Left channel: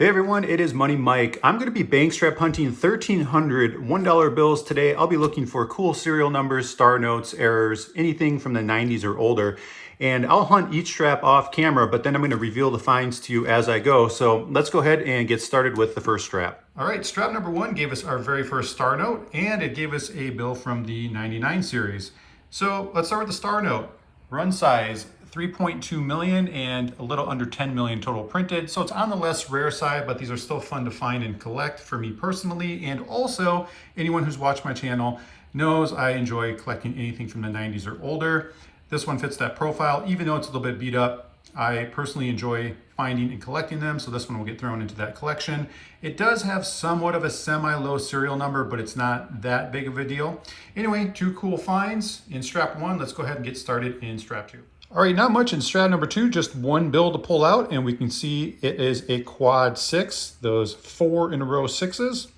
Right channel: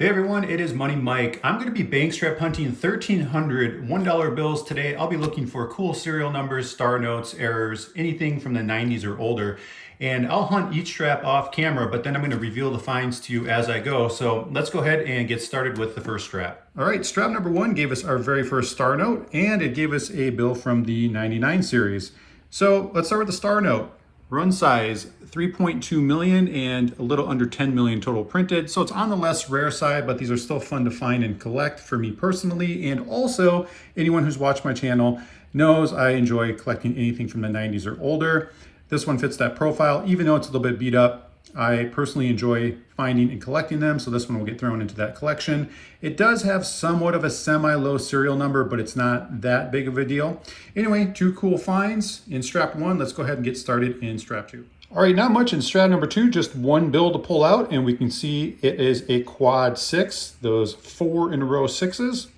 Hey everyone, it is Money Mike. I'm going to be bank strap hunting 1,300 $1 bills today. I'll be looking for cool serial numbers, star notes, errors, anything from the 90s or older. And I'll hunt each strap off camera, but then I'm going to reveal the finds to you as I go. So let's go ahead and get started with the first strap. All right, strap number one gave us our very first star note, and it gave us a bill from the 99 series. So let's start with the star note. Run size 3.2 million and a little under 10 million total printed. So it's on the less rare side, but these are still fun to find and collect for me personally. And also anyone who's watched my channel knows I enjoy collecting anything from the 90s or older. This one fits that profile, even though it's a little bit beat up. I personally enjoy finding and collecting them, so this one will get thrown into that collection. It does have somewhat of a semi-low serial number, but it's not that big of a deal. Anyway, two cool finds in strap one. Let's go ahead and get started in strap two. All right, not much in strap number two, just one bill to pull out, and we can see it is a quad six, those 4 in a row sixes.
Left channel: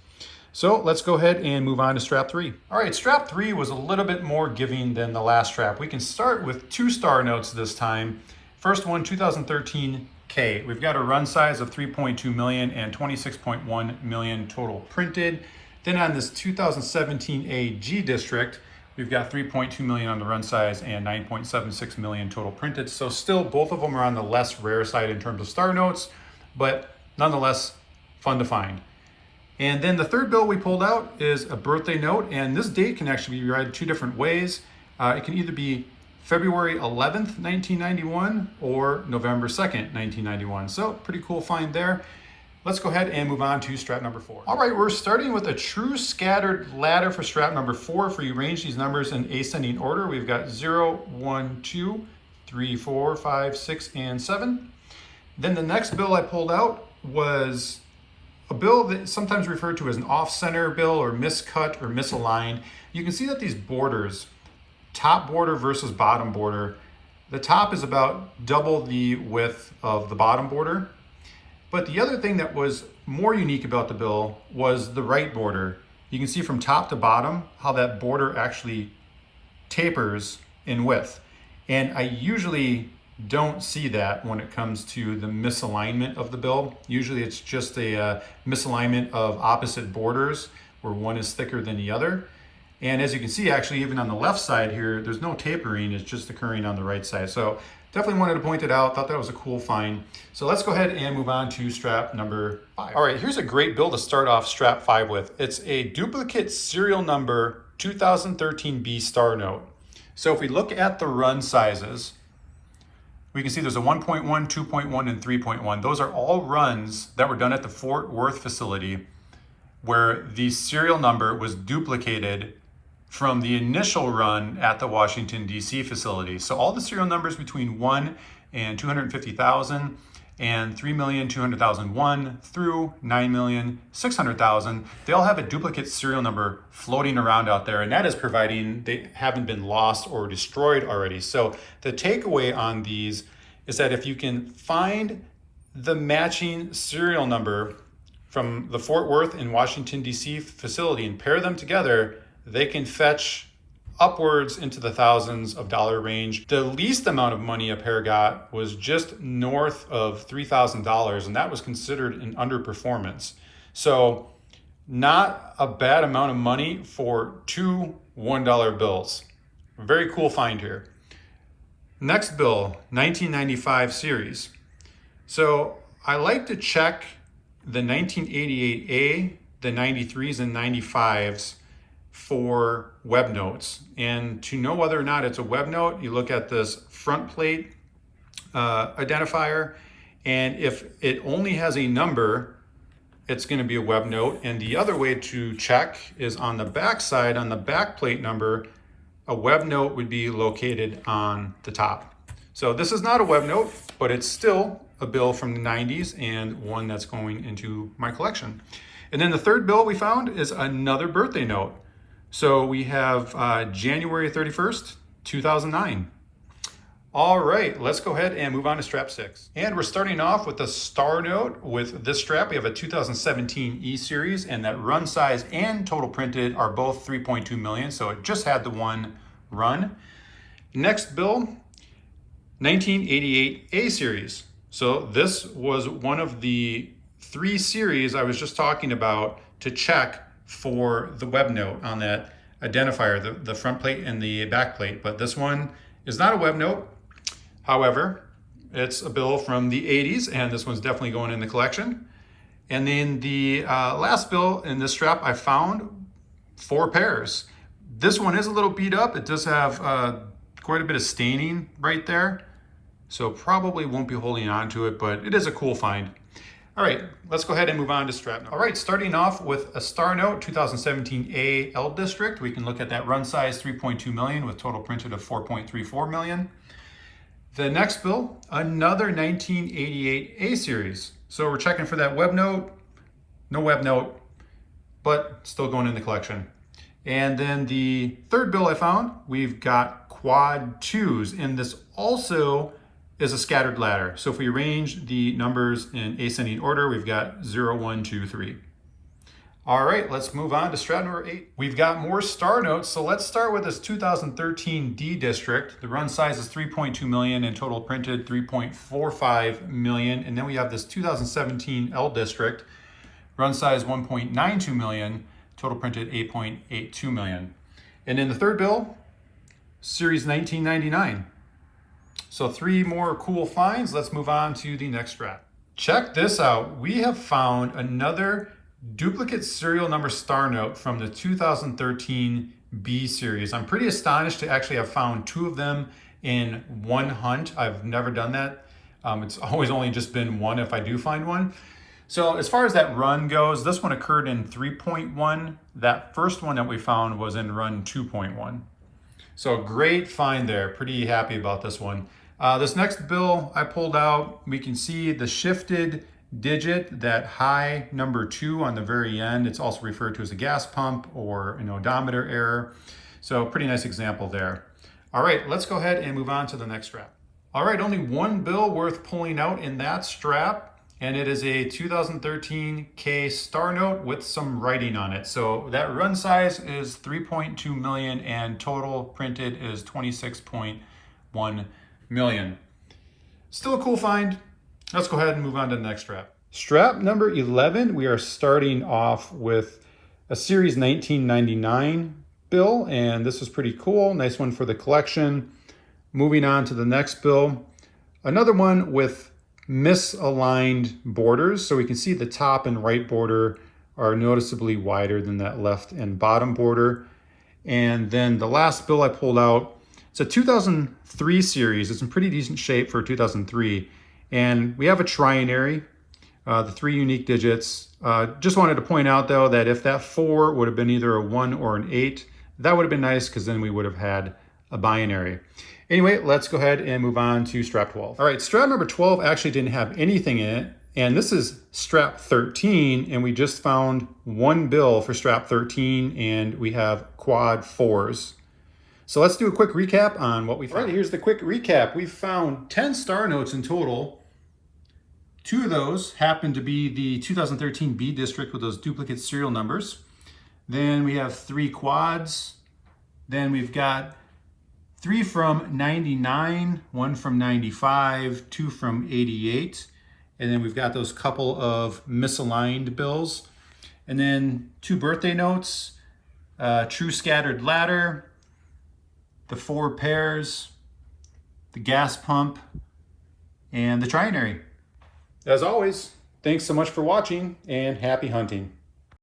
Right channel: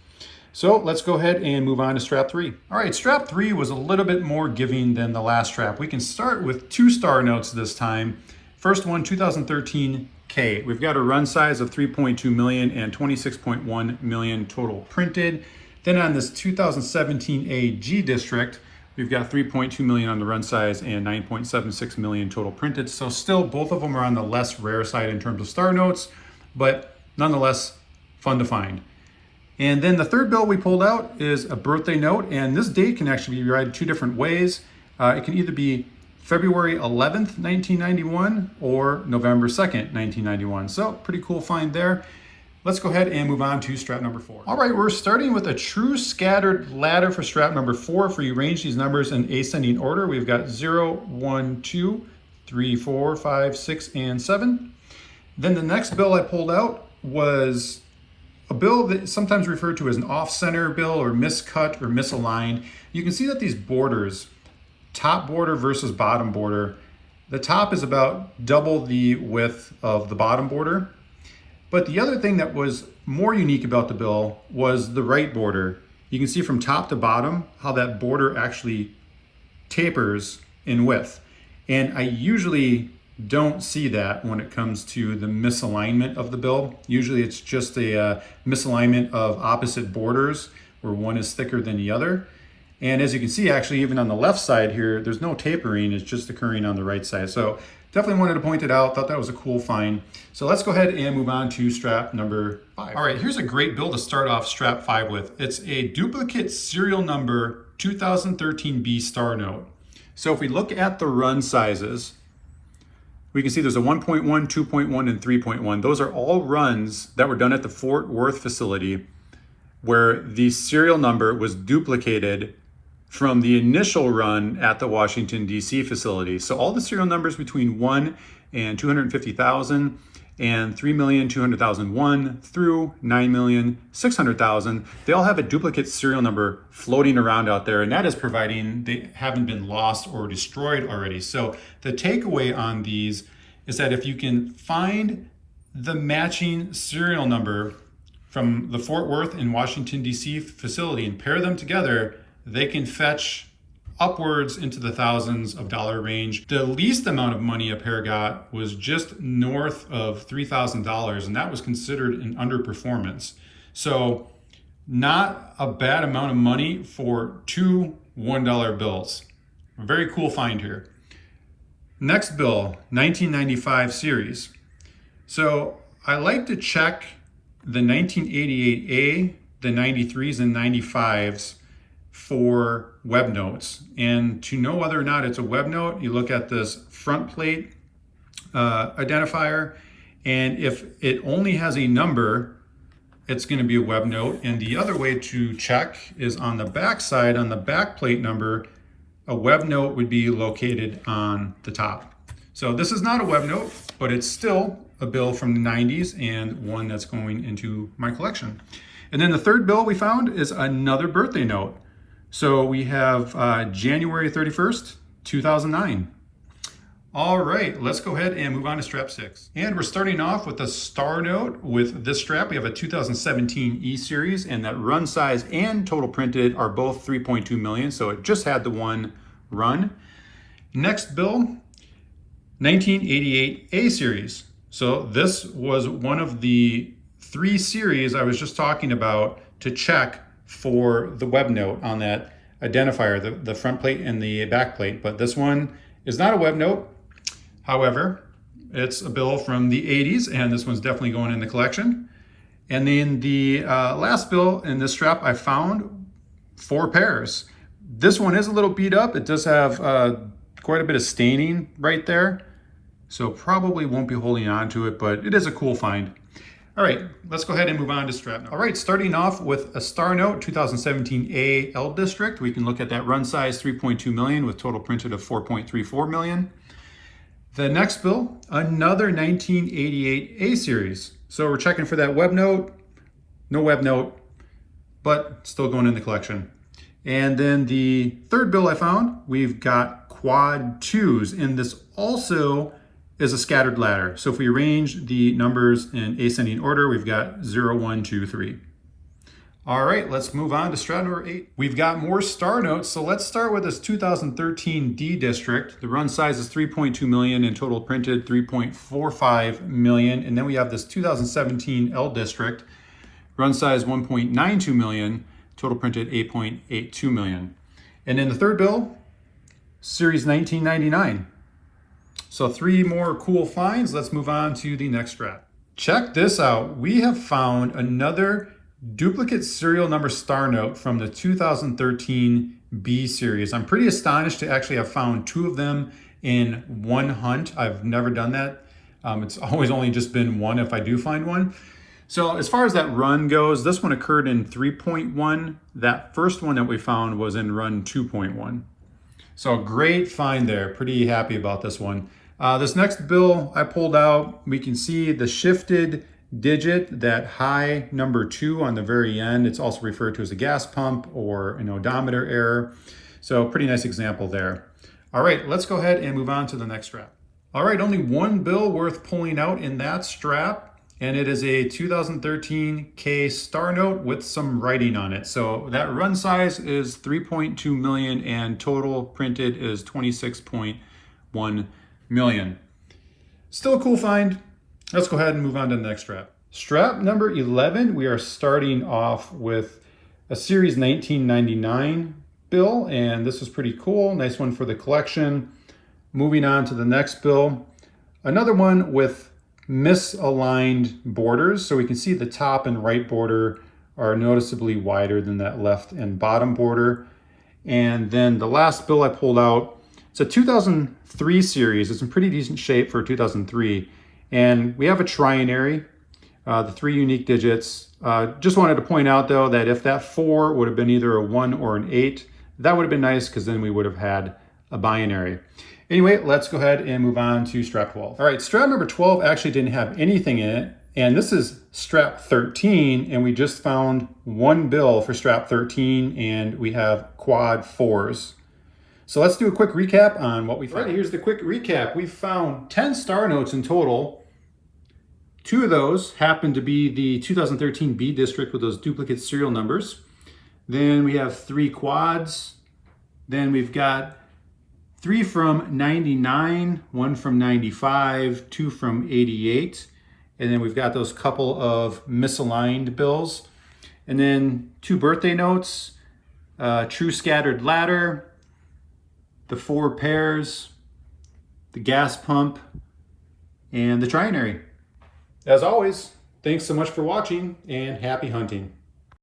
So let's go ahead and move on to strap three. All right, strap three was a little bit more giving than the last strap. We can start with 2 star notes this time. First one, 2013 K. We've got a run size of 3.2 million and 26.1 million total printed. Then on this 2017 A G District, we've got 3.2 million on the run size and 9.76 million total printed. So still both of them are on the less rare side in terms of star notes, but nonetheless fun to find. And then the third bill we pulled out is a birthday note, and this date can actually be read 2 different ways. It can either be February 11th, 1991 or November 2nd, 1991. So pretty cool find there. Let's go ahead and move on to strap number 4. All right, we're starting with a true scattered ladder for strap number 4. For you arrange these numbers in ascending order, we've got 0, 1, 2, 3, 4, 5, 6, and 7. Then the next bill I pulled out was a bill that is sometimes referred to as an off-center bill or miscut or misaligned. You can see that these borders, top border versus bottom border, the top is about double the width of the bottom border. But the other thing that was more unique about the bill was the right border. You can see from top to bottom how that border actually tapers in width. And I usually don't see that when it comes to the misalignment of the bill. Usually it's just a misalignment of opposite borders where one is thicker than the other. And as you can see, actually, even on the left side here, there's no tapering, it's just occurring on the right side. So definitely wanted to point it out, thought that was a cool find. So let's go ahead and move on to strap number 5. All right, here's a great bill to start off strap 5 with. It's a duplicate serial number 2013 B star note. So if we look at the run sizes, we can see there's a 1.1, 2.1, and 3.1. Those are all runs that were done at the Fort Worth facility where the serial number was duplicated from the initial run at the Washington, D.C. facility. So all the serial numbers between 1 and 250,000 and 3,200,001 through 9,600,000, they all have a duplicate serial number floating around out there, and that is providing they haven't been lost or destroyed already. So the takeaway on these is that if you can find the matching serial number from the Fort Worth and Washington, D.C. facility and pair them together, they can fetch upwards into the thousands of dollar range. The least amount of money a pair got was just north of $3,000, and that was considered an underperformance. So not a bad amount of money for 2 $1 bills. A very cool find here. Next bill, 1995 series. So I like to check the 1988A, the 93s and 95s for web notes. And to know whether or not it's a web note, you look at this front plate identifier, and if it only has a number, it's going to be a web note. And the other way to check is on the back side, on the back plate number, a web note would be located on the top. So this is not a web note, but it's still a bill from the 90s and one that's going into my collection. And then the third bill we found is another birthday note. So we have January 31st, 2009. All right, let's go ahead and move on to strap 6. And we're starting off with a star note with this strap. We have a 2017 E series, and that run size and total printed are both 3.2 million. So it just had the one run. Next bill, 1988 A series. So this was one of the 3 series I was just talking about to check for the web note on that identifier, the front plate and the back plate. But this one is not a web note. However, it's a bill from the 80s, and this one's definitely going in the collection. And then the last bill in this strap, I found 4 pairs. This one is a little beat up. It does have quite a bit of staining right there, so probably won't be holding on to it, but it is a cool find. All right, let's go ahead and move on to strap number. All right, starting off with a Star Note 2017 A L District. We can look at that run size 3.2 million with total printed of 4.34 million. The next bill, another 1988 A series. So we're checking for that web note, no web note, but still going in the collection. And then the third bill I found, we've got quad 2s, and this also is a scattered ladder. So if we arrange the numbers in ascending order, we've got 0, 1, 2, 3. All right, let's move on to strap number 8. We've got more Star Notes, so let's start with this 2013 D District. The run size is 3.2 million and total printed 3.45 million. And then we have this 2017 L District, run size 1.92 million, total printed 8.82 million. And then the third bill, series 1999. So 3 more cool finds. Let's move on to the next strap. Check this out. We have found another duplicate serial number Star Note from the 2013 B series. I'm pretty astonished to actually have found 2 of them in one hunt. I've never done that. It's always only just been one if I do find one. So as far as that run goes, this one occurred in 3.1. That first one that we found was in run 2.1. So great find there. Pretty happy about this one. This next bill I pulled out, we can see the shifted digit, that high number 2 on the very end. It's also referred to as a gas pump or an odometer error. So pretty nice example there. All right, let's go ahead and move on to the next strap. All right, only one bill worth pulling out in that strap, and it is a 2013 K Star Note with some writing on it. So that run size is 3.2 million and total printed is 26.1 million. Still a cool find. Let's go ahead and move on to the next strap. Strap number 11, we are starting off with a series 1999 bill, and this was pretty cool. Nice one for the collection. Moving on to the next bill, another one with misaligned borders. So we can see the top and right border are noticeably wider than that left and bottom border. And then the last bill I pulled out, it's a 2003 series. It's in pretty decent shape for 2003. And we have a trinary, the 3 unique digits. Just wanted to point out though that if that 4 would have been either a 1 or an 8, that would have been nice because then we would have had a binary. Anyway, let's go ahead and move on to strap 12. All right, strap number 12 actually didn't have anything in it. And this is strap 13, and we just found 1 bill for strap 13, and we have quad 4s. So let's do a quick recap on what we found. All right, here's the quick recap. We found 10 Star Notes in total. 2 of those happen to be the 2013 B District with those duplicate serial numbers. Then we have 3 quads. Then we've got 3 from 99, 1 from 95, 2 from 88. And then we've got those couple of misaligned bills. And then 2 birthday notes, true scattered ladder, the 4 pairs, the gas pump, and the trinary. As always, thanks so much for watching and happy hunting.